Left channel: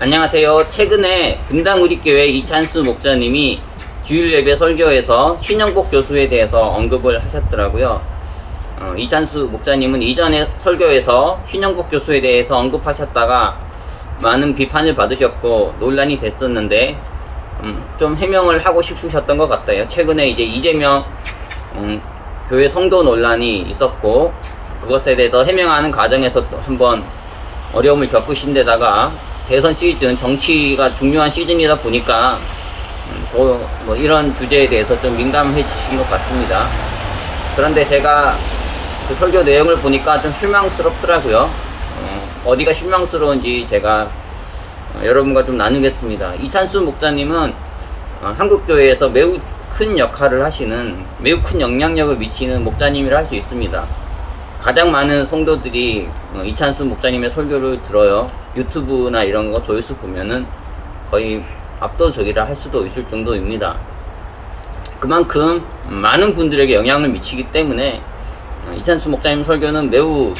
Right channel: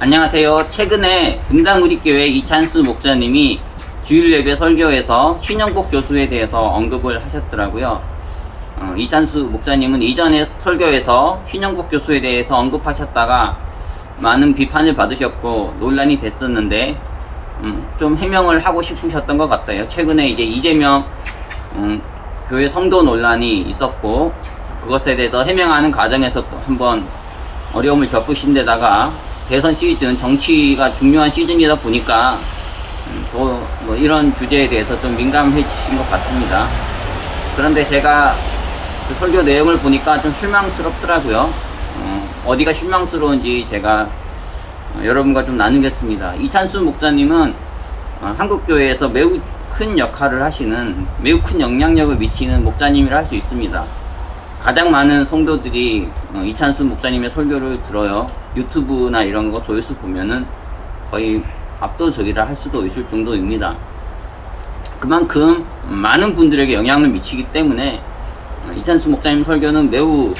안녕하세요. 최근에 분당우리교회 이찬수 목사님이 주일 예배 설교에서 신영복 교수에 대해서 언급을 하셨더라고요. 이찬수 목사님은 이전에 설교에서 신영복 교수에 대해서 언급하셨다가 많은 비판을 받으셨고 논란이 됐었는데 좀 해명을 하고 싶으셨던 것 같아요. 최근에 이제 이재명 교회 성도 논란이 있었고 그것에 대해서 해명하는 과정에서 또 한번 어려움을 겪으신 데다가 대선 시즌, 정치가 중요한 시즌이다 보니까 더 뭐 이런 주제에 대해서 좀 민감해지신 것 같습니다. 그런데 제가 그 설교 내용을 보니까 좀 실망스럽더라고요. 어디가 실망스러운지 제가 여러분과 좀 나누겠습니다. 이찬수 목사님은 한국교회에서 매우 큰 역할을 하시는, 매우 큰 영향력을 미치는 목사님이라 할 수 있습니다. 가장 많은 성도들이 이찬수 목사님의 설교를 들어요. 유튜브나 이런 거 조회수 보면은 거의 압도적이라 할 수도 있을 정도입니다. 그만큼 많은 분들에게 영향을 미치기 때문에 이찬수 목사님 설교는 매우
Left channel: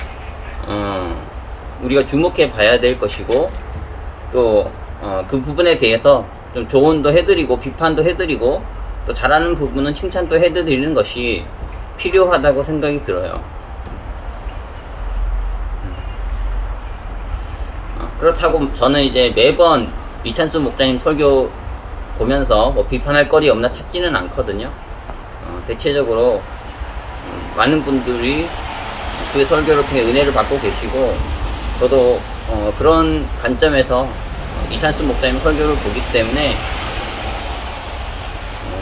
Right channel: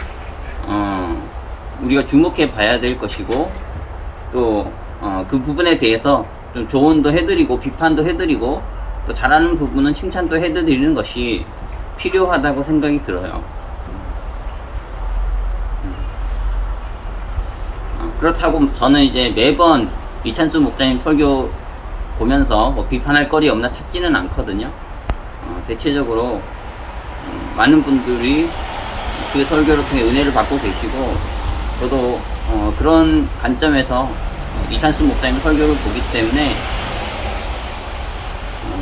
우리가 주목해 봐야 될 것이고, 또 그 부분에 대해서 좀 조언도 해드리고 비판도 해드리고 또 잘하는 부분은 칭찬도 해드리는 것이 필요하다고 생각이 들어요. 그렇다고 저는 이제 매번 이찬수 목사님 설교 보면서 뭐 비판할 거리 없나 찾지는 않거든요. 대체적으로 많은 분들이 그 설교를 통해 은혜를 받고 계시고, 저도 그런 관점에서 이찬수 목사님 설교를 보기 때문에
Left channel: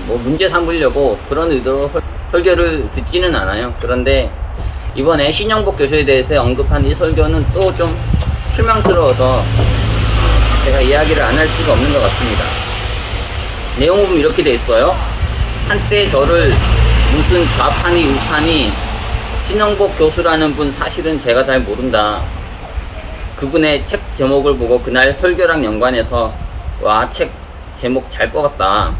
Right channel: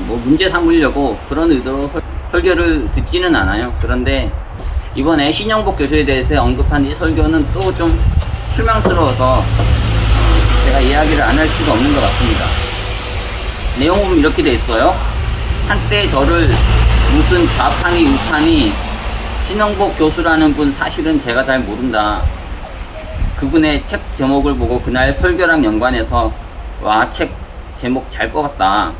뭐 문제 삼으려고 그런 의도로 설교를 듣지는 않아요. 그런데 이번에 신영복 교수에 대해서 언급한 이 설교는 또 좀 실망스러워서 제가 이야기를 안 할 수가 없는 것 같습니다. 내용 보면 이렇게 돼 있어요. 한때 저를 무슨 좌파니 우파니 신영복 교수라는 분 사실은 제가 잘 모른다. 그분의 책 제목을 보고 그날 설교랑 연관해서 와, 책 제목 잘 뽑았다.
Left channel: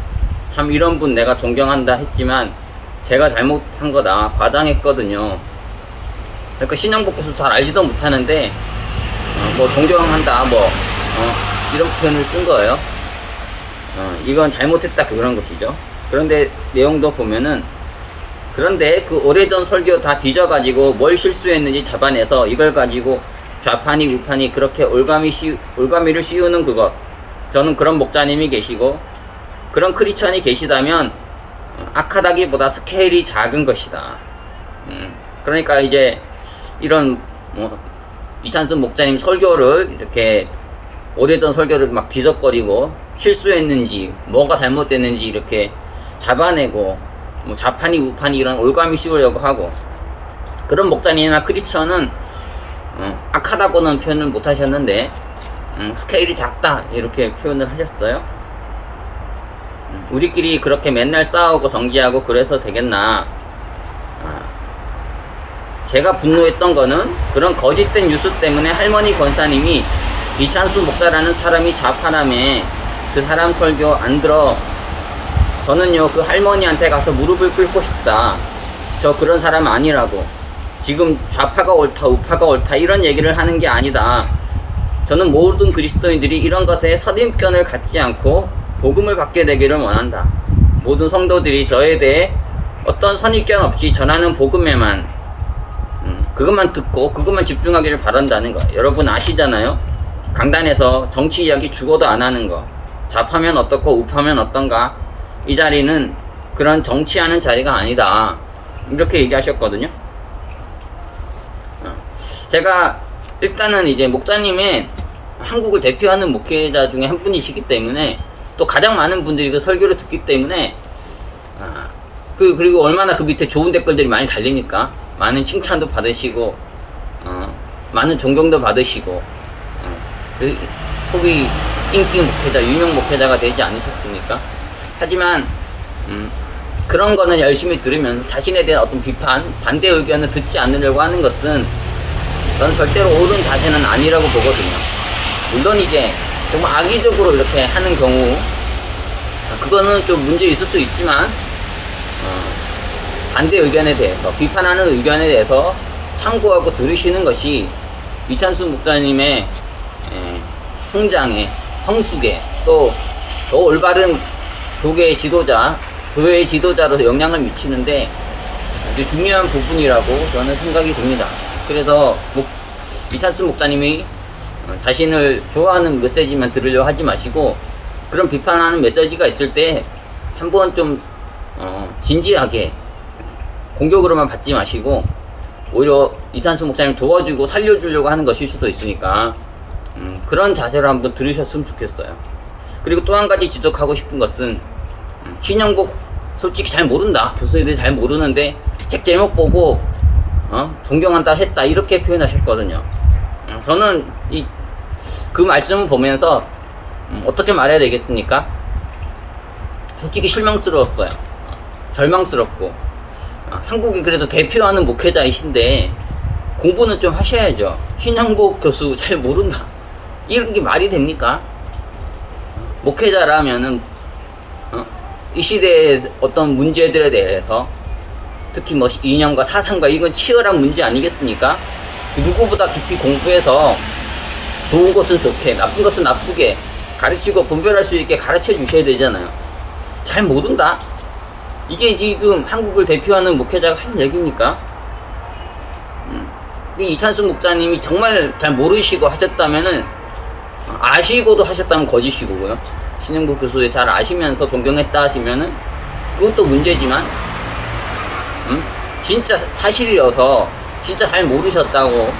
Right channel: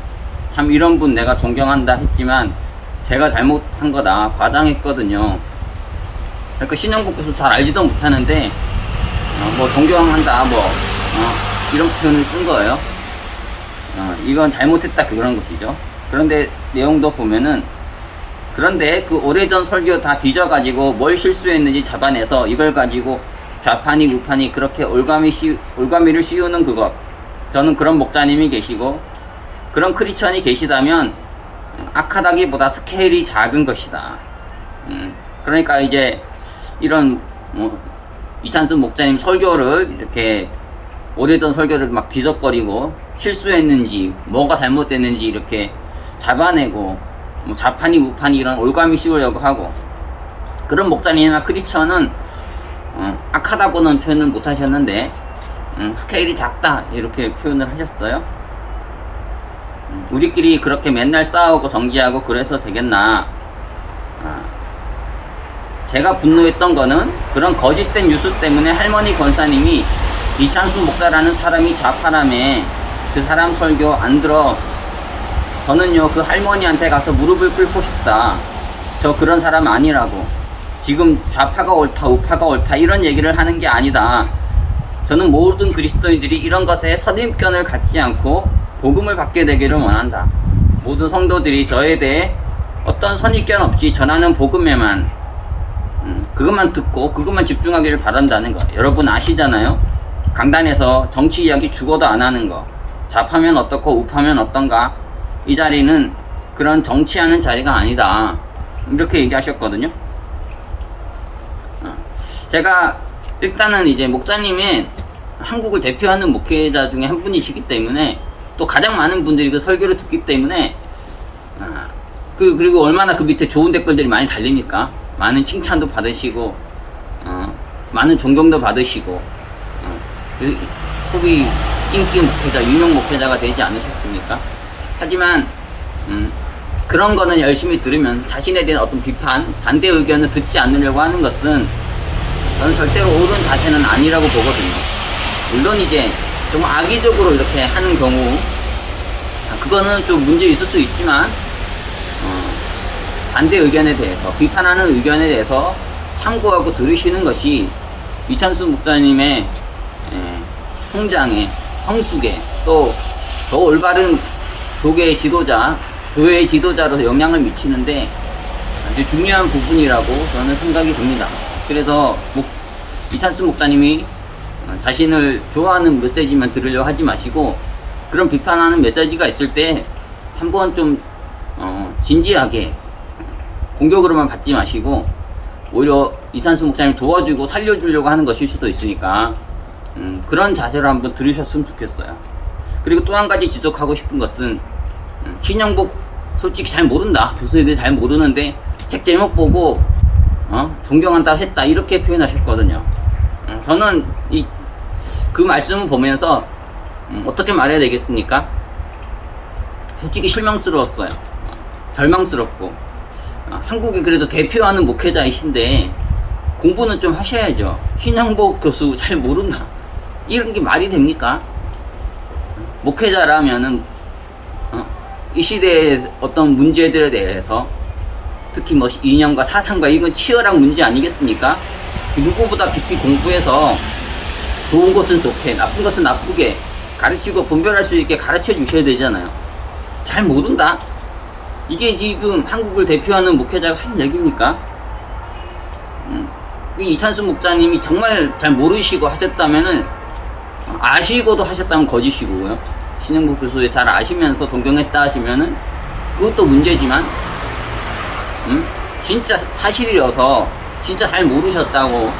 참 이런 분 내가 존경한다 했지만 제가 잘못한 거다. 과장했거든요. 그러니까 신영복 교수 잘 알지도 못하는데 뭐 존경한다 이런 표현을 쓴 거예요. 이건 잘못했다 그런 것이죠. 그런데 내용도 보면은, 그런데 그 오래전 설교 다 뒤져가지고 뭘 실수했는지 잡아내서 이걸 가지고 좌파니 우파니 그렇게 올가미를 씌우는 그것, 저는 그런 목사님이 계시고 그런 크리스천이 계시다면 악하다기보다 스케일이 작은 것이다. 그러니까 이제 이런 이찬수 목사님 설교를 이렇게 오래전 설교를 막 뒤적거리고 실수했는지 뭐가 잘못됐는지 이렇게 잡아내고 뭐 좌파니 우파니 이런 올가미 씌우려고 하고, 그런 목사님이나 크리스천은 악하다고는 표현을 못 하셨는데 스케일이 작다 이렇게 표현을 하셨어요. 우리끼리 그렇게 맨날 싸우고 정지하고 그래서 되겠나. 제가 분노했던 거는 그런 거짓된 뉴스 때문에 할머니 권사님이 이찬수 목사라는 사람이 좌파라며 그 사람 설교 안 들어. 저는요 그 할머니한테 가서 무릎을 꿇고 싶다. 저 그런 사람 아니라고. 지금 좌파가 옳다 우파가 옳다 이런 얘기를 하는 게 아니다. 저는 모든 그리스도인들이 이런 것에 선입견을 갖지 않고 복음을 받게 되기를 원한다. 모든 성도들이 저에 대해 어떤 선입견 없이 전하는 복음에만 그것만 듣고 그것만 집중하기를 바란다는 거. 여러분 아시잖아요. 강단에서 정치 이야기 죽어도 안 하는 거. 좌파면 어떻고 우파면 어떤가. 이 자리는 그런 정치하는 자리가 아니다. 이렇게 얘기하셨거든요. 제가 일단은 이제 목사님은 한국을 대표하는 목회자 중에 한 분이시기 때문에, 또 가장 많은 분들이 그 설교를 듣기 때문에 그리고 얼마나 그 밑에 좋은 댓글들이 많이 달리니까 많은 칭찬도 받으시고 많은 존경도 받으시고 소위 인기 목회자, 유명 목회자가 되지 않으셨습니까? 하지만 그런 거는 열심히 들으면서 자신에 대한 어떤 비판, 반대 의견을 듣지 않으려고 하는 것은 저는 절대로 옳은 자세는 아니라고 보거든요. 물론 이제 정말 악의적으로 이렇게 하는 경우 그거는 좀 문제 있을 수 있지만 반대 의견에 대해서, 비판하는 의견에 대해서 참고하고 들으시는 것이 이찬수 목사님의 성장에 성숙에 또 더 올바른 교계의 지도자, 교회의 지도자로서 영향을 미치는데 아주 중요한 부분이라고 저는 생각이 듭니다. 그래서 이찬수 목사님이 자신을 좋아하는 메시지만 들으려 하지 마시고 그런 비판하는 메시지가 있을 때 한번 좀 진지하게 공격으로만 받지 마시고 오히려 이찬수 목사님 도와주고 살려주려고 하는 것일 수도 있으니까 그런 자세로 한번 들으셨으면 좋겠어요. 그리고 또 한 가지 지적하고 싶은 것은 신영복 솔직히 잘 모른다. 교수님들이 잘 모르는데 책 제목 보고 존경한다 했다 이렇게 표현하셨거든요. 저는 그 말씀을 보면서 어떻게 말해야 되겠습니까? 솔직히 실망스러웠어요. 절망스럽고 한국에 그래도 대표하는 목회자이신데 공부는 좀 하셔야죠. 신영복 교수 잘 모른다 이런 게 말이 됩니까? 목회자라면은 이 시대의 어떤 문제들에 대해서 특히 뭐 이념과 사상과 이건 치열한 문제 아니겠습니까? 누구보다 깊이 공부해서 좋은 것은 좋게 나쁜 것은 나쁘게 가르치고 분별할 수 있게 가르쳐 주셔야 되잖아요. 잘 모른다? 이게 지금 한국을 대표하는 목회자가 할 얘기입니까? 이찬수 목사님이 정말 잘 모르시고 하셨다면은 아시고도 하셨다면 거짓이고요. 신영복 교수에 잘 아시면서 존경했다 하시면은 그것도 문제지만 진짜 사실이어서 진짜 잘 모르셨다고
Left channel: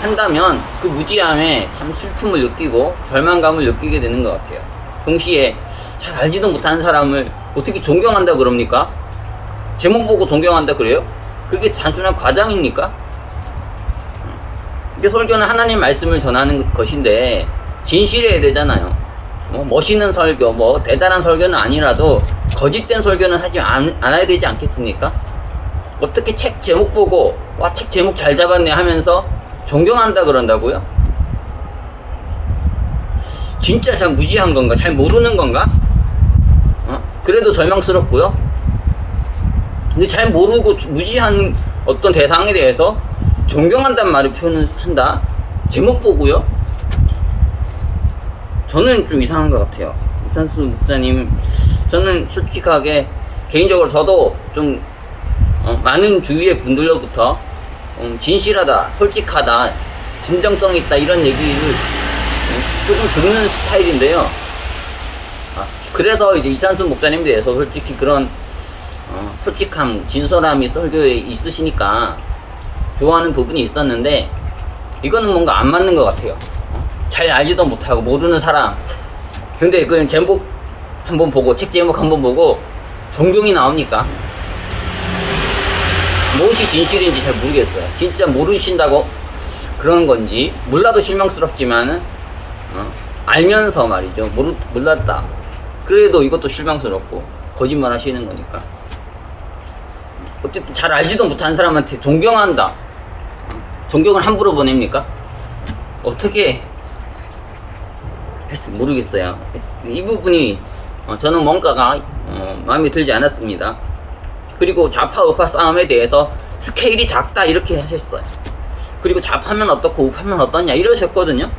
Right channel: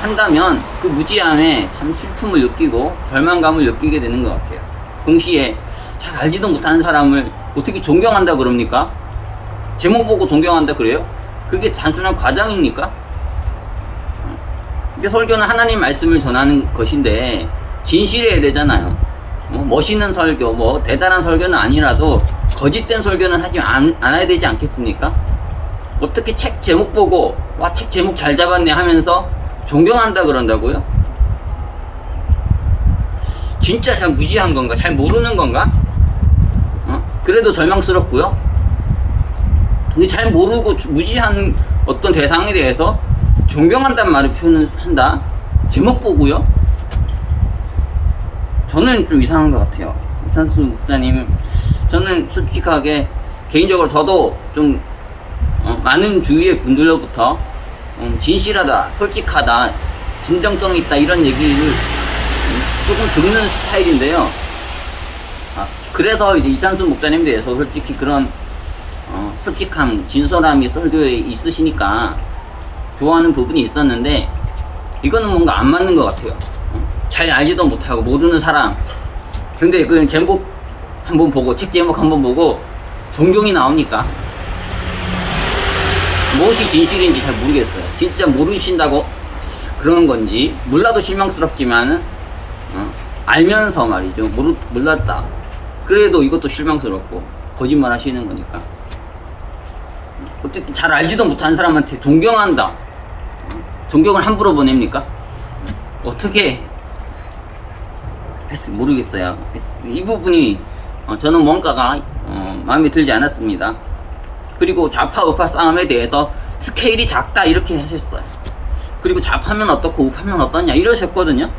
한다면 그 무지함에 참 슬픔을 느끼고 절망감을 느끼게 되는 것 같아요. 동시에 잘 알지도 못하는 사람을 어떻게 존경한다 그럽니까? 제목 보고 존경한다 그래요? 그게 단순한 과장입니까? 이게 설교는 하나님 말씀을 전하는 것인데 진실해야 되잖아요. 멋있는 설교, 뭐 대단한 설교는 아니라도 거짓된 설교는 하지 않아야 되지 않겠습니까? 어떻게 책 제목 보고 와 책 제목 잘 잡았네 하면서 존경한다 그런다고요? 진짜 잘 무지한 건가? 잘 모르는 건가? 그래도 절망스럽고요. 근데 잘 모르고 무지한 어떤 대상에 대해서 존경한다는 말을 표현한다? 제목 보고요? 저는 좀 이상한 것 같아요. 이찬수 목사님, 저는 솔직하게 개인적으로 저도 좀 많은 주위의 분들로부터 진실하다, 솔직하다, 진정성 있다 이런 얘기를 조금 듣는 스타일인데요. 그래서 이제 이찬수 목사님에 대해서 솔직히 그런 솔직함, 진솔함이 설교에 있으시니까 좋아하는 부분이 있었는데 이거는 뭔가 안 맞는 것 같아요. 잘 알지도 못하고 모르는 사람 근데 그 제목 한번 보고 책 제목 한번 보고 존경이 나오니까 무엇이 진실인지 잘 모르겠어요. 진짜 모르신다고 그런 건지 몰라도 실망스럽지만은 알면서 말이죠. 몰랐다 그래도 이것도 실망스럽고 거짓말 하시는 거니까 어쨌든 잘 알지도 못하는 사람한테 존경한다. 존경을 함부로 보냅니까? 어떻게 모르겠어요. 이 부분이 저는 뭔가가 마음에 들지 않았습니다. 그리고 좌파 우파 싸움에 대해서 스케일이 작다 이렇게 하셨어요. 그리고 좌파면 어떻고 우파면 어떠냐 이러셨거든요.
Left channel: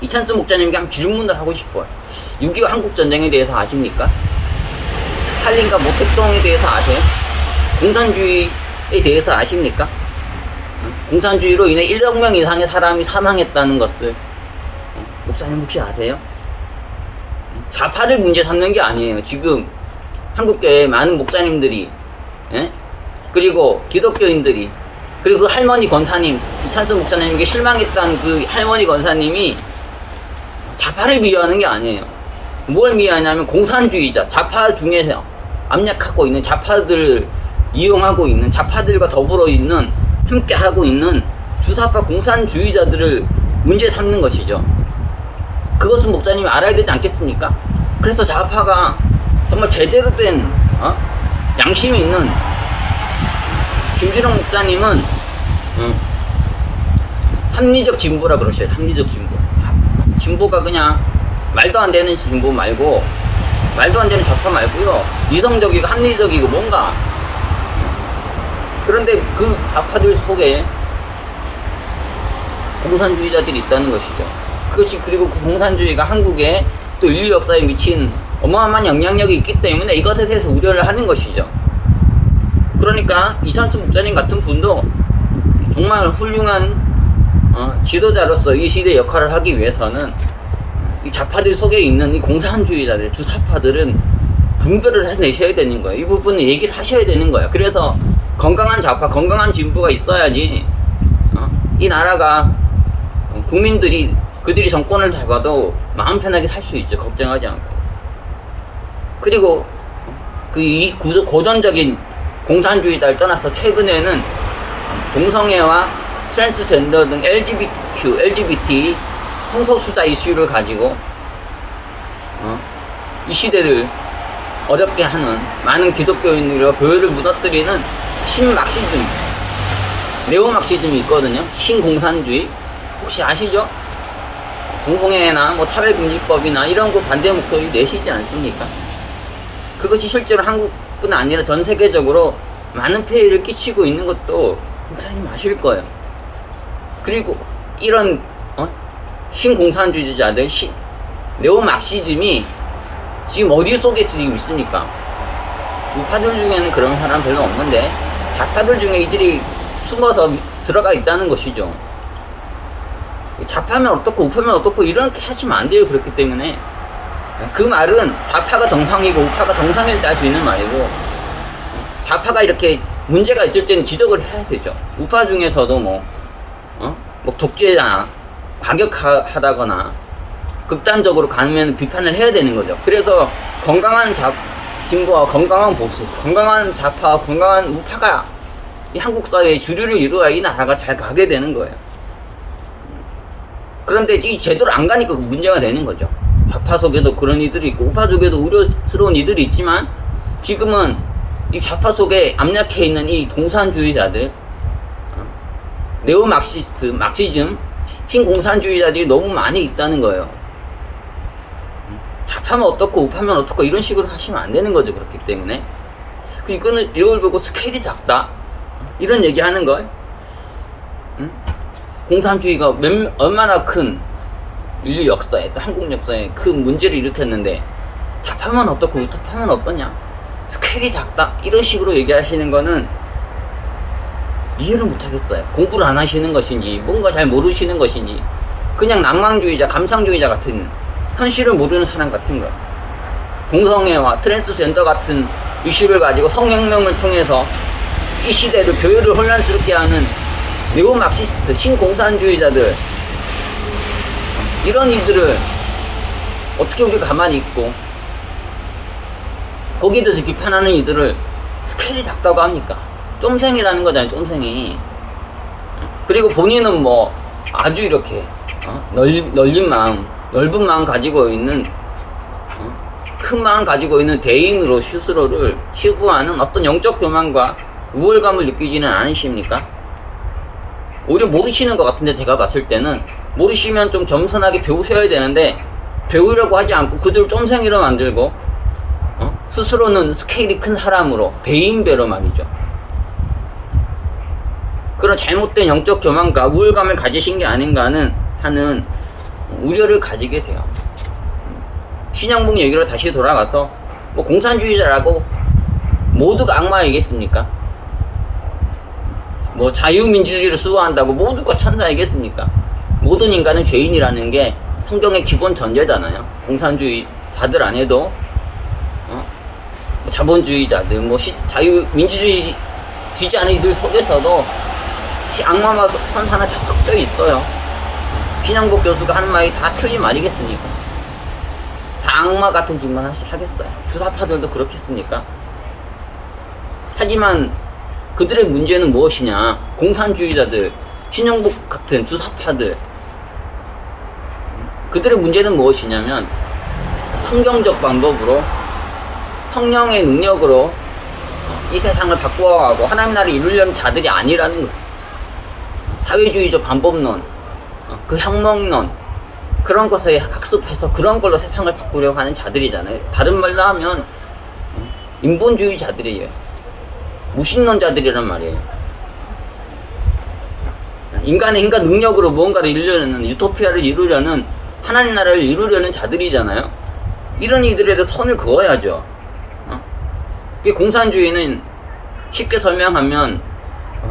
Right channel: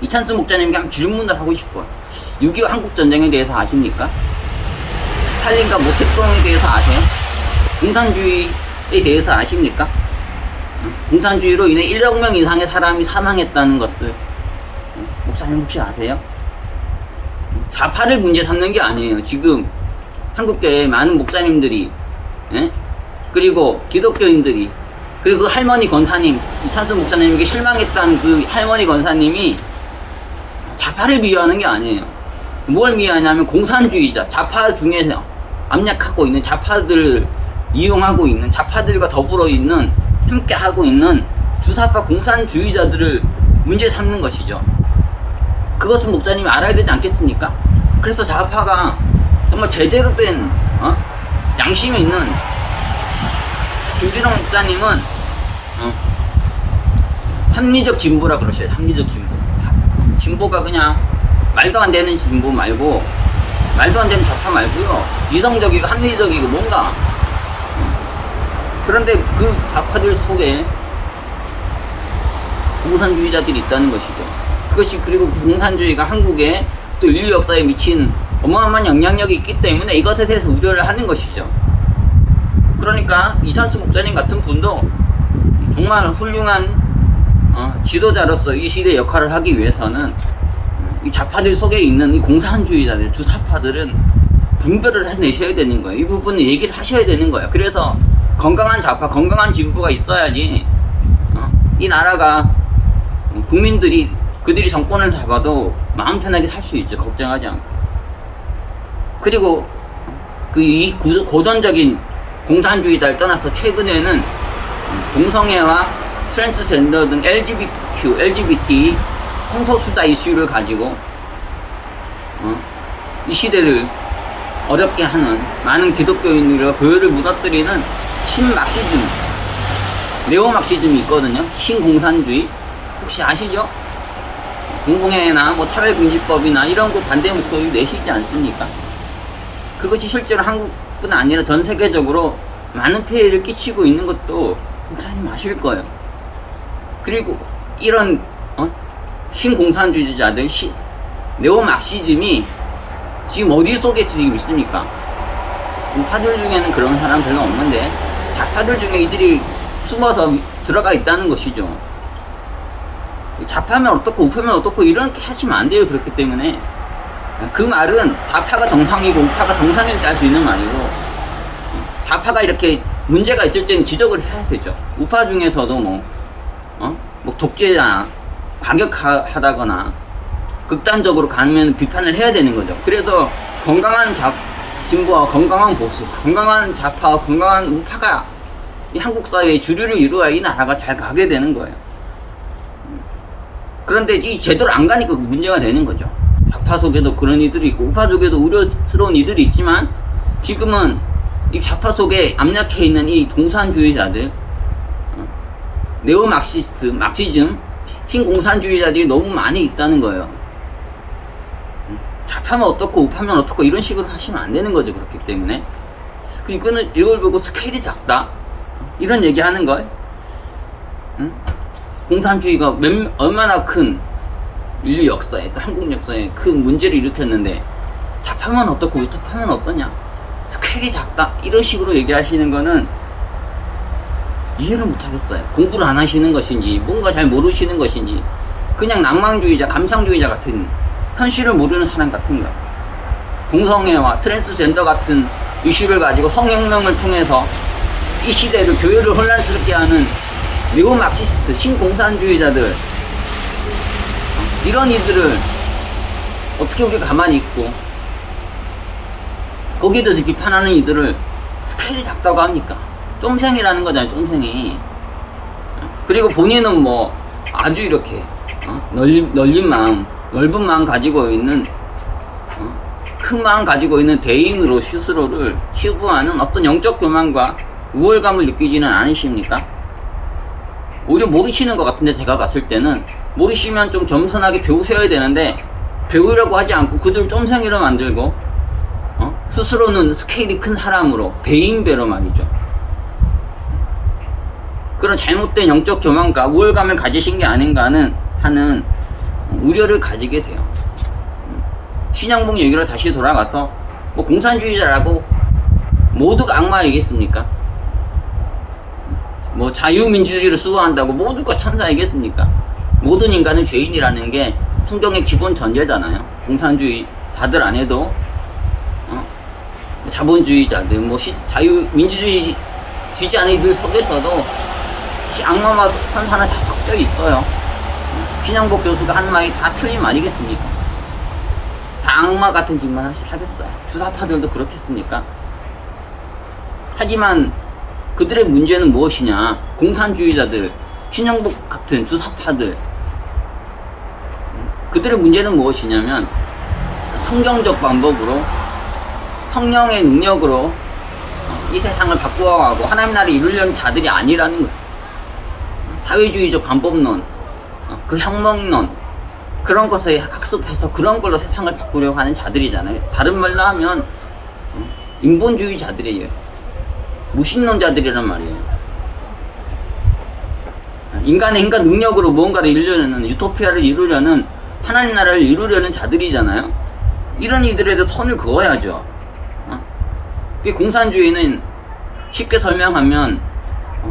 이찬수 목사님께 한번 질문을 하고 싶어요. 6.25 한국전쟁에 대해서 아십니까? 스탈린과 모택동에 대해서 아세요? 공산주의에 대해서 아십니까? 공산주의로 인해 1억 명 이상의 사람이 사망했다는 것을 목사님 혹시 아세요? 좌파를 문제 삼는 게 아니에요. 지금 한국교회 많은 목사님들이 그리고 기독교인들이 그리고 그 할머니 권사님 이찬수 목사님에게 실망했던 그 할머니 권사님이 좌파를 비하하는 게 아니에요. 뭘 비하하냐면 공산주의자 좌파 중에서 압력하고 있는 좌파들을 이용하고 있는 좌파들과 더불어 있는 함께 하고 있는 주사파 공산주의자들을 문제 삼는 것이죠. 그것은 목사님이 알아야 되지 않겠습니까? 그래서 좌파가 정말 제대로 된 양심이 있는 김준영 목사님은 합리적 진보라 그러셔요. 합리적 진보. 진보가 그냥 말도 안 되는 진보 말고 말도 안 되는 좌파 말고요. 이성적이고 합리적이고 뭔가 그런데 그 좌파들 속에 공산주의자들이 있다는 것이죠. 그것이 그리고 그 공산주의가 한국에 또 인류 역사에 미친 어마어마한 영향력이 있기 때문에 이것에 대해서 우려를 하는 것이죠. 그러니까 이찬수 목사님 같은 분도 정말 훌륭한 지도자로서 이 시대의 역할을 하기 위해서는 이 좌파들 속에 있는 이 공산주의자들, 주사파들은 분별을 해내셔야 되는 거예요. 이 부분은 얘기를 하셔야 되는 거예요. 그래서 건강한 좌파, 건강한 진보가 있어야지 이 나라가 국민들이 그들이 정권을 잡아도 마음 편하게 살 수 있죠. 걱정하지 않고. 그리고 이 고전적인 공산주의자를 떠나서 최근에는 동성애와 트랜스젠더 등 LGBT 성소수자 이슈를 가지고 이 시대를 어렵게 하는 많은 기독교인들과 교회를 무너뜨리는 신막시즘, 네오막시즘이 있거든요. 신공산주의 혹시 아시죠? 공공의나 뭐 차별금지법이나 이런 거 반대 목소리 내시지 않습니까? 그것이 실제로 한국뿐 아니라 전 세계적으로 많은 폐해를 끼치고 있는 것도 목사님 아실 거예요. 그리고 이런 신공산주의자들, 네오막시즘이 지금 어디 속에 지금 있습니까? 우파들 중에는 그런 사람 별로 없는데 좌파들 중에 이들이 숨어서 들어가 있다는 것이죠. 좌파면 어떻고 우파면 어떻고 이렇게 하시면 안 돼요. 그렇기 때문에 그 말은 좌파가 정상이고 우파가 정상일 때 할 수 있는 말이고, 좌파가 이렇게 문제가 있을 때는 지적을 해야 되죠. 우파 중에서도 뭐 독재나 과격하다거나 극단적으로 가면 비판을 해야 되는 거죠. 그래서 건강한 진보와 건강한 보수, 건강한 좌파와 건강한 우파가 이 한국 사회의 주류를 이루어야 이 나라가 잘 가게 되는 거예요. 그런데 이 제대로 안 가니까 문제가 되는 거죠. 좌파 속에도 그런 이들이 있고 우파 속에도 우려스러운 이들이 있지만, 지금은 이 좌파 속에 압력해 있는 이 공산주의자들, 네오막시스트, 막시즘, 신공산주의자들이 너무 많이 있다는 거예요. 좌파면 어떻고 우파면 어떻고 이런 식으로 하시면 안 되는 거죠. 그렇기 때문에 이거는 이걸 보고 스케일이 작다 이런 얘기 하는 걸, 공산주의가 얼마나 큰 인류 역사에, 또 한국 역사에 큰 문제를 일으켰는데 좌파면 어떻고 우파면 어떠냐, 스케일이 작다 이런 식으로 얘기하시는 거는 이해를 못하겠어요. 공부를 안 하시는 것인지 뭔가 잘 모르시는 것인지 그냥 낭만주의자, 감상주의자 같은, 현실을 모르는 사람 같은 거예요. 동성애와 트랜스젠더 같은 이슈를 가지고 성혁명을 통해서 이 시대를, 교회를 혼란스럽게 하는 네오막시스트, 신공산주의자들, 이런 이들을 어떻게 우리가 가만히 있고 거기에 대해서 비판하는 이들을 스케일이 작다고 합니까? 쫌생이라는 거잖아요. 쫌생이. 그리고 본인은 뭐 아주 이렇게 넓은 마음 가지고 있는, 큰 마음 가지고 있는 대인으로 스스로를 치부하는 어떤 영적 교만과 우월감을 느끼지는 않으십니까? 오히려 모르시는 것 같은데, 제가 봤을 때는 모르시면 좀 겸손하게 배우셔야 되는데 배우려고 하지 않고 그들을 쫌생이로 만들고 스스로는 스케일이 큰 사람으로, 대인배로 말이죠. 그런 잘못된 영적 교만과 우월감을 가지신 게 아닌가 하는 우려를 가지게 돼요. 신영복 얘기로 다시 돌아가서 뭐 공산주의자라고 모두가 악마이겠습니까? 뭐 자유민주주의를 수호한다고 모두가 천사이겠습니까? 모든 인간은 죄인이라는 게 성경의 기본 전제잖아요. 공산주의자들 안에도 자본주의자들, 뭐 자유민주주의 지지 않은 이들 속에서도 악마와 선사는 다 섞여 있어요. 신영복 교수가 하는 말이 다 틀린 말이겠습니까? 다 악마 같은 짓만 하겠어요. 주사파들도 그렇겠습니까? 하지만 그들의 문제는 무엇이냐? 공산주의자들, 신영복 같은 주사파들, 그들의 문제는 무엇이냐면 성경적 방법으로, 성령의 능력으로 이 세상을 바꾸어가고 하나님 나라를 이루려는 자들이 아니라는 거예요. 사회주의적 방법론, 그 혁명론, 그런 것에 학습해서 그런 걸로 세상을 바꾸려고 하는 자들이잖아요. 다른 말로 하면 인본주의자들이에요. 무신론자들이란 말이에요. 인간의 능력으로 무언가를 이루려는, 유토피아를 이루려는 하나님 나라를 이루려는 자들이잖아요. 이런 이들에 대해서 선을 그어야죠. 공산주의는 쉽게 설명하면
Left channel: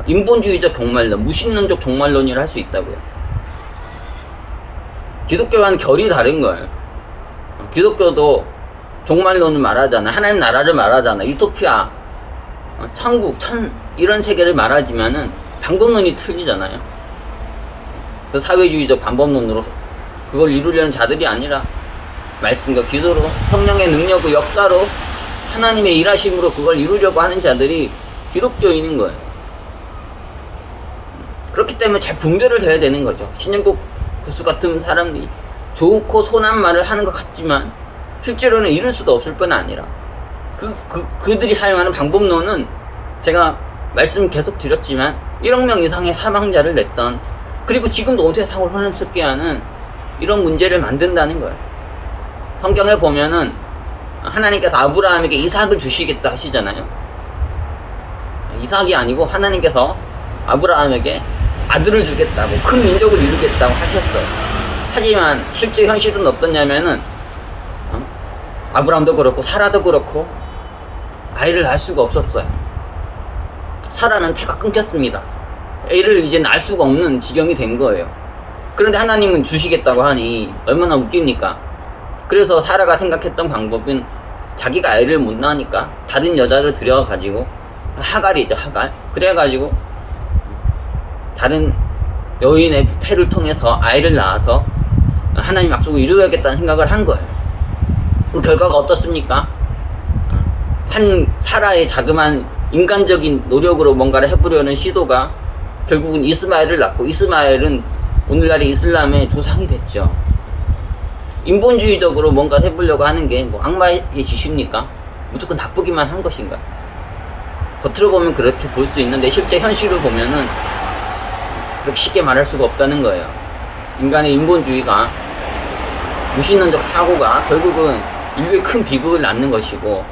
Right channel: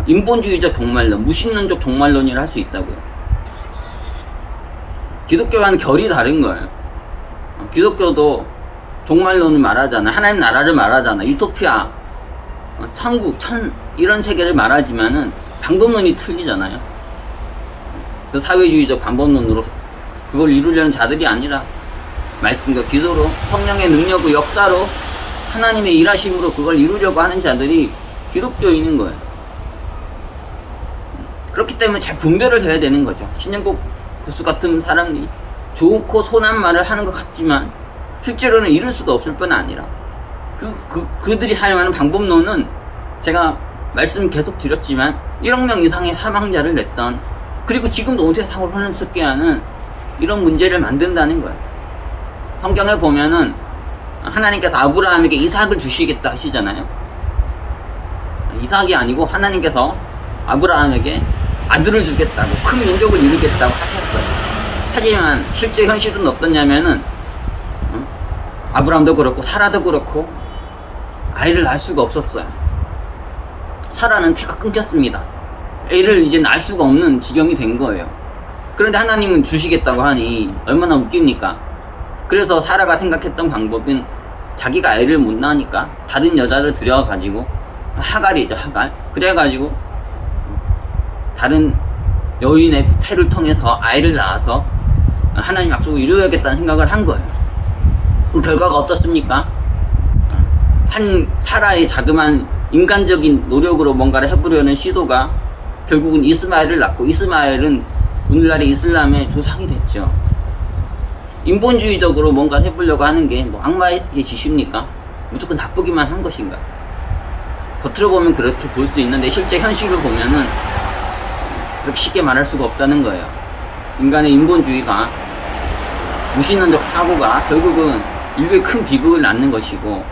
인본주의적 종말론, 무신론적 종말론이라 할 수 있다고요. 기독교와는 결이 다른 거예요. 기독교도 종말론을 말하잖아. 하나님 나라를 말하잖아. 유토피아, 천국, 이런 세계를 말하지만은 방법론이 틀리잖아요. 그 사회주의적 방법론으로 그걸 이루려는 자들이 아니라 말씀과 기도로, 성령의 능력과 역사로, 하나님의 일하심으로 그걸 이루려고 하는 자들이 기독교인인 거예요. 그렇기 때문에 잘 분별을 해야 되는 거죠. 신영국 교수 같은 사람이 좋고 선한 말을 하는 것 같지만 실제로는 이룰 수도 없을 뿐 아니라 그들이 사용하는 방법론은 제가 말씀 계속 드렸지만 1억 명 이상의 사망자를 냈던, 그리고 지금도 온 세상을 혼란스럽게 하는 이런 문제를 만든다는 거예요. 성경에 보면은 하나님께서 아브라함에게 이삭을 주시겠다 하시잖아요. 이삭이 아니고 하나님께서 아브라함에게 아들을 주겠다고, 큰 민족을 이루겠다고 하셨어요. 하지만 실제 현실은 어떠냐면은 아브라함도 그렇고 사라도 그렇고 아이를 낳을 수가 없었어요. 사라는 태가 끊겼습니다. 애를 이제 낳을 수가 없는 지경이 된 거예요. 그런데 하나님은 주시겠다고 하니 얼마나 웃깁니까? 그래서 사라가 생각했던 방법은 자기가 애를 못 낳으니까 다른 여자를 들여가지고, 하갈이죠, 하갈. 그래가지고 다른 여인의 태를 통해서 아이를 낳아서 하나님 약속을 이루어야겠다는 생각을 한 거예요. 그 결과가 어떻습니까? 한 사라의 자그마한 인간적인 노력으로 뭔가를 해보려는 시도가 결국은 이스마엘을 낳고, 이스마엘은 오늘날의 이슬람의 조상이 됐죠. 인본주의적으로 뭔가를 해보려고 하는 게 뭐 악마의 짓입니까? 무조건 나쁘기만 한 것인가? 겉으로 보면 그렇게 볼 수 있는데 실제 현실을 보면은 그렇게 쉽게 말할 수가 없다는 거예요. 인간의 인본주의가, 무신론적 사고가 결국은 인류의 큰 비극을 낳는 것이고,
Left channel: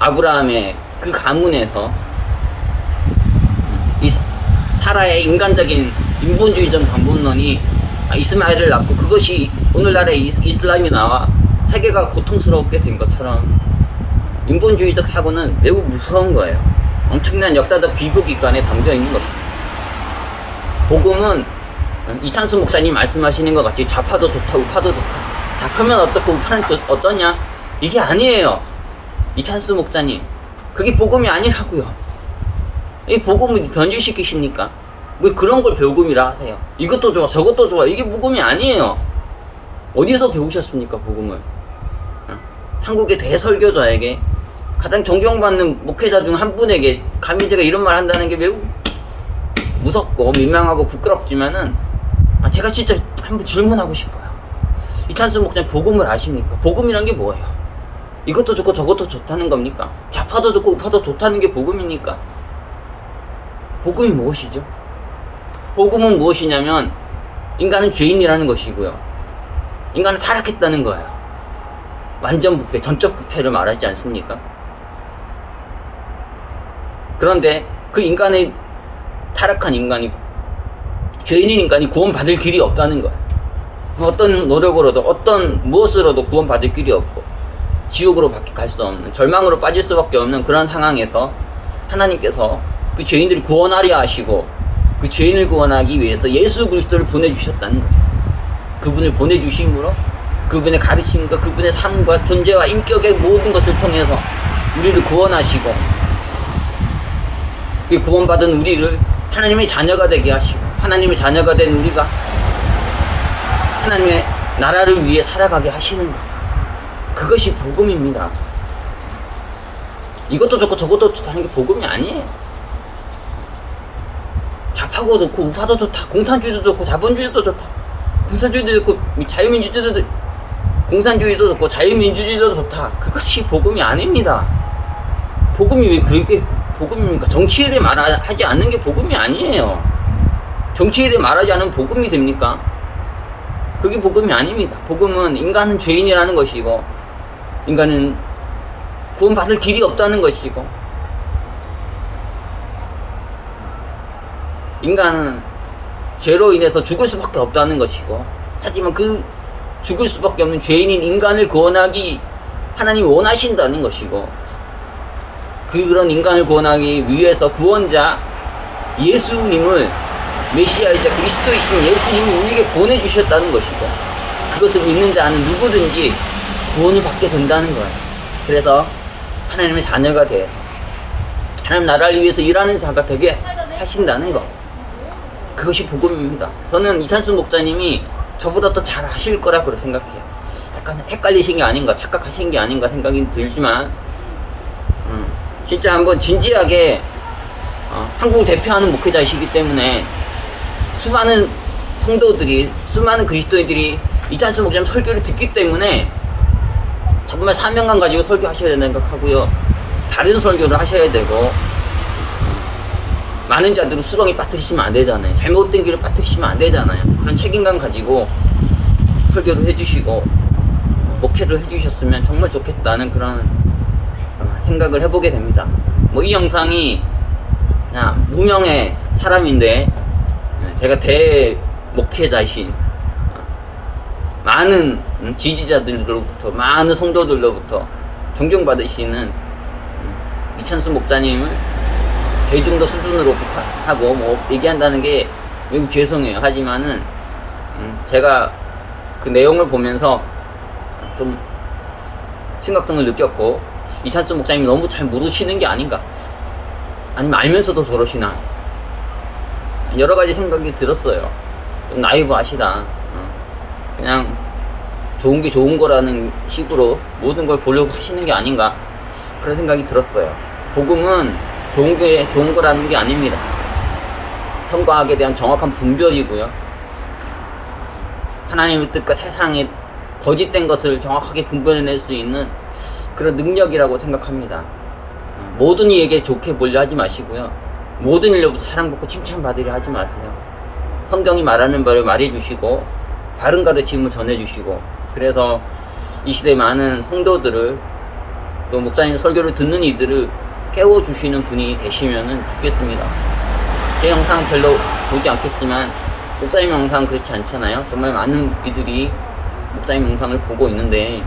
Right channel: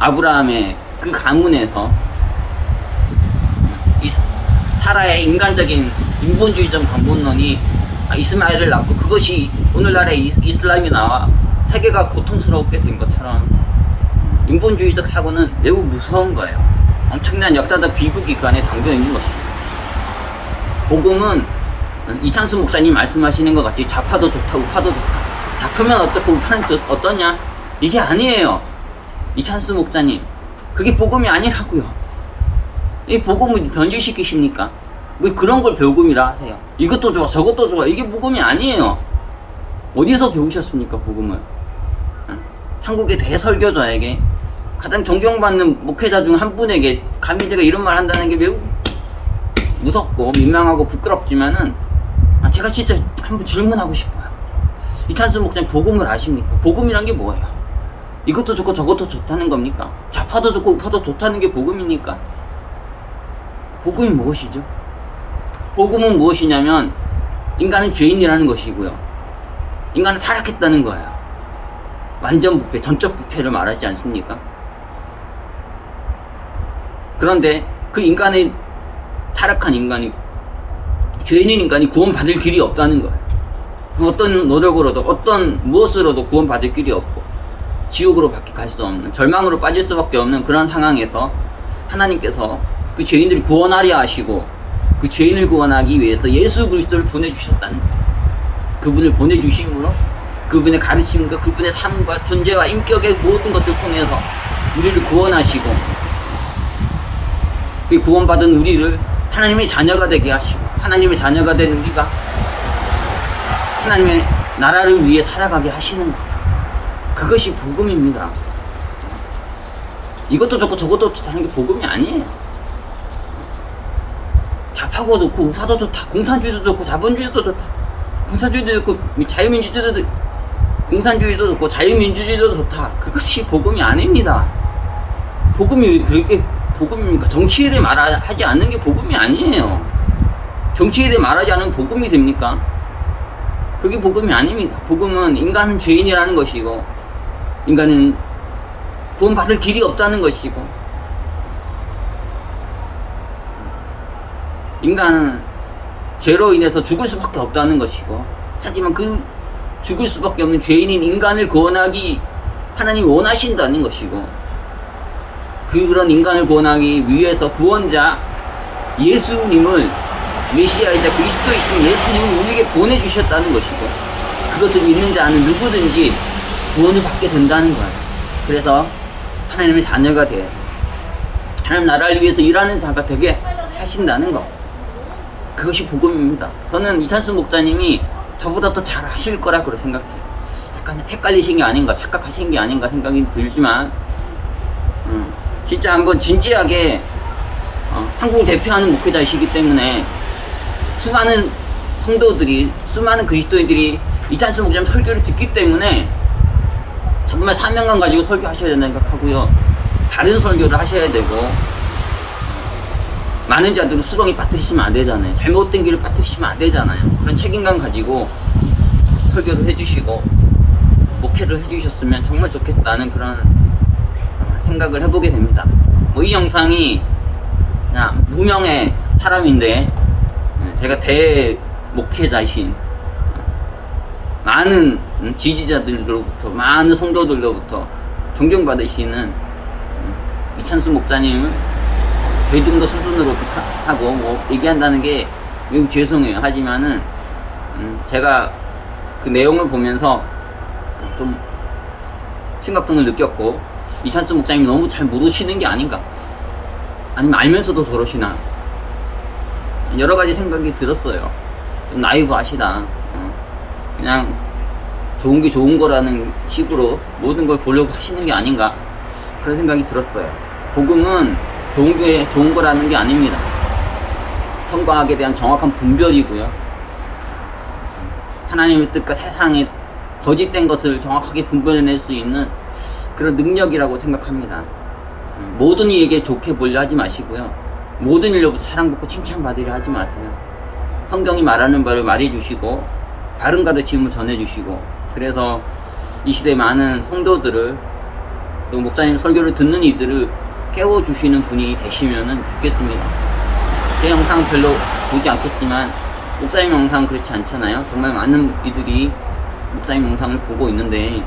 아브라함의 그 가문에서 이 사라의 인간적인 인본주의적 방법론이 이스마엘을 낳고, 그것이 오늘날의 이슬람이 나와 세계가 고통스럽게 된 것처럼 인본주의적 사고는 매우 무서운 거예요. 엄청난 역사적 비극이 그 안에 담겨 있는 것입니다. 복음은 이찬수 목사님 말씀하시는 것 같이 좌파도 좋다, 우파도 좋다. 좌파면 어떻고 우파는 어떠냐? 이게 아니에요. 이찬수 목사님, 그게 복음이 아니라고요. 이 복음을 변질시키십니까? 왜 그런 걸 복음이라 하세요? 이것도 좋아, 저것도 좋아. 이게 복음이 아니에요. 어디서 배우셨습니까, 복음을? 한국의 대설교자에게, 가장 존경받는 목회자 중 한 분에게 감히 제가 이런 말 한다는 게 매우 무섭고 민망하고 부끄럽지만은 제가 진짜 한번 질문하고 싶어요. 이찬수 목사님, 복음을 아십니까? 복음이란 게 뭐예요? 이것도 좋고 저것도 좋다는 겁니까? 좌파도 좋고 우파도 좋다는 게 복음입니까? 복음이 무엇이죠? 복음은 무엇이냐면 인간은 죄인이라는 것이고요, 인간은 타락했다는 거예요. 완전 부패, 전적 부패를 말하지 않습니까? 그런데 그 인간의 타락한 인간이, 죄인인 인간이 구원받을 길이 없다는 거예요. 어떤 노력으로도, 어떤 무엇으로도 구원받을 길이 없고 지옥으로 밖에 갈 수 없는, 절망으로 빠질 수밖에 없는 그런 상황에서 하나님께서 그 죄인들을 구원하려 하시고, 그 죄인을 구원하기 위해서 예수 그리스도를 보내주셨다는 거예요. 그분을 보내주심으로 그분의 가르침과 그분의 삶과 존재와 인격의 모든 것을 통해서 우리를 구원하시고, 그 구원받은 우리를 하나님의 자녀가 되게 하시고, 하나님의 자녀가 된 우리가 하나님의 나라를 위해 살아가게 하시는 것, 그것이 복음입니다. 이것도 좋고 저것도 좋다는 게 복음이 아니에요. 좌파도 좋고 우파도 좋다, 공산주의도 좋고 자본주의도 좋다, 공산주의도 좋고 자유민주주의도, 공산주의도 좋고 자유민주주의도 좋다, 그것이 복음이 아닙니다. 복음이 왜 그렇게 복음입니까? 정치에 대해 말하지 않는 게 복음이 아니에요. 정치에 대해 말하지 않으면 복음이 됩니까? 그게 복음이 아닙니다. 복음은 인간은 죄인이라는 것이고, 인간은 구원받을 길이 없다는 것이고, 인간은 죄로 인해서 죽을 수밖에 없다는 것이고, 하지만 그 죽을 수밖에 없는 죄인인 인간을 구원하기 하나님이 원하신다는 것이고, 그런 인간을 구원하기 위해서 구원자 예수님을, 메시아이자 그리스도이신 예수님을 우리에게 보내주셨다는 것이고, 그것을 믿는 자는 누구든지 구원을 받게 된다는 거예요. 그래서 하나님의 자녀가 돼서 하나님 나라를 위해서 일하는 자가 되게 하신다는 것, 그것이 복음입니다. 저는 이찬수 목사님이 저보다 더 잘 아실 거라고 생각해요. 약간 헷갈리신 게 아닌가, 착각하신 게 아닌가 생각이 들지만, 진짜 한번 진지하게, 한국을 대표하는 목회자이시기 때문에 수많은 성도들이, 수많은 그리스도인들이 이찬수 목사님 설교를 듣기 때문에 정말 사명감 가지고 설교하셔야 된다는 생각하고요. 다른 설교를 하셔야 되고, 많은 자들로 수렁이 빠뜨리시면 안 되잖아요. 잘못된 길을 빠뜨리시면 안 되잖아요. 그런 책임감 가지고 설교를 해주시고 목회를 해주셨으면 정말 좋겠다는 그런 생각을 해보게 됩니다. 뭐 이 영상이 그냥 무명의 사람인데 제가 대목회자이신 많은 지지자들로부터, 많은 성도들로부터 존경받으시는 이찬수 목사님을 저희 정도 수준으로 비판하고 뭐 얘기한다는 게 매우 죄송해요. 하지만은 제가 그 내용을 보면서 좀 심각성을 느꼈고, 이찬수 목사님이 너무 잘 모르시는 게 아닌가, 아니면 알면서도 저러시나, 여러 가지 생각이 들었어요. 좀 나이브하시다. 그냥 좋은 게 좋은 거라는 식으로 모든 걸 보려고 하시는 게 아닌가, 그런 생각이 들었어요. 복음은 좋은 게 좋은 거라는 게 아닙니다. 선과 악에 대한 정확한 분별이고요. 하나님의 뜻과 세상의 거짓된 것을 정확하게 분별해낼 수 있는 그런 능력이라고 생각합니다. 모든 이에게 좋게 보려 하지 마시고요. 모든 일로부터 사랑받고 칭찬받으려 하지 마세요. 성경이 말하는 바를 말해주시고 바른 가르침을 전해주시고, 그래서 이 시대의 많은 성도들을, 또 목사님 설교를 듣는 이들을 깨워주시는 분이 되시면 좋겠습니다. 제 영상 별로 보지 않겠지만 목사님 영상 그렇지 않잖아요. 정말 많은 이들이 목사님 영상을 보고 있는데,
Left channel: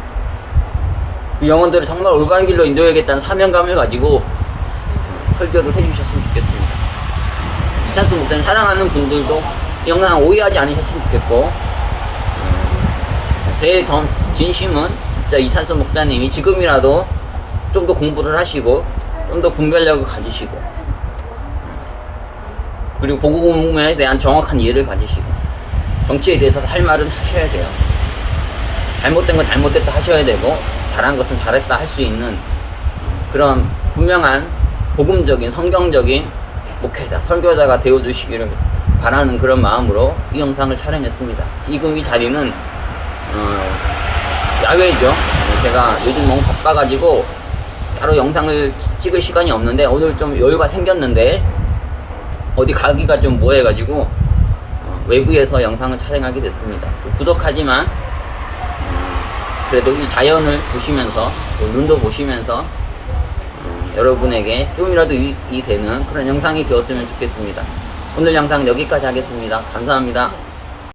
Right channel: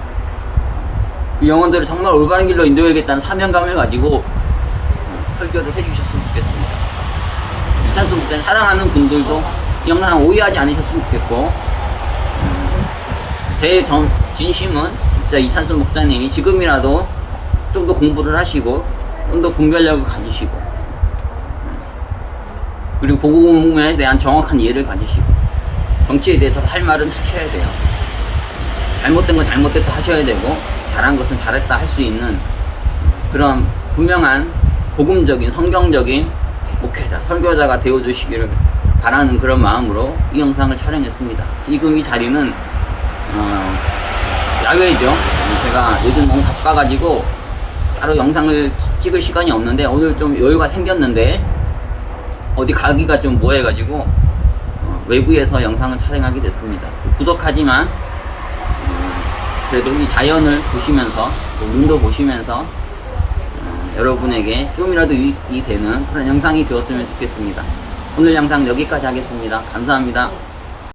그 영혼들을 정말 올바른 길로 인도해야겠다는 사명감을 가지고 설교를 해주셨으면 좋겠습니다. 이찬수 목사님 사랑하는 분들도 이 영상 오해하지 않으셨으면 좋겠고, 제 진심은 진짜 이찬수 목사님이 지금이라도 좀 더 공부를 하시고 좀 더 분별력을 가지시고, 그리고 복음에 대한 정확한 이해를 가지시고, 정치에 대해서 할 말은 하셔야 돼요. 잘못된 건 잘못됐다 하셔야 되고, 잘한 것은 잘했다 할 수 있는 그런 분명한 복음적인 성경적인 목회자, 설교자가 되어주시기를 바라는 그런 마음으로 이 영상을 촬영했습니다. 지금 이 자리는 야외죠. 제가 요즘 너무 바빠가지고 따로 영상을 찍을 시간이 없는데, 오늘 좀 여유가 생겼는데 어디 가기가 좀 뭐해가지고 외부에서 영상을 촬영하게 됐습니다. 부족하지만 그래도 이 자연을 보시면서, 또 눈도 보시면서 여러분에게 좀이라도 유익이 되는 그런 영상이 되었으면 좋겠습니다. 오늘 영상 여기까지 하겠습니다. 감사합니다.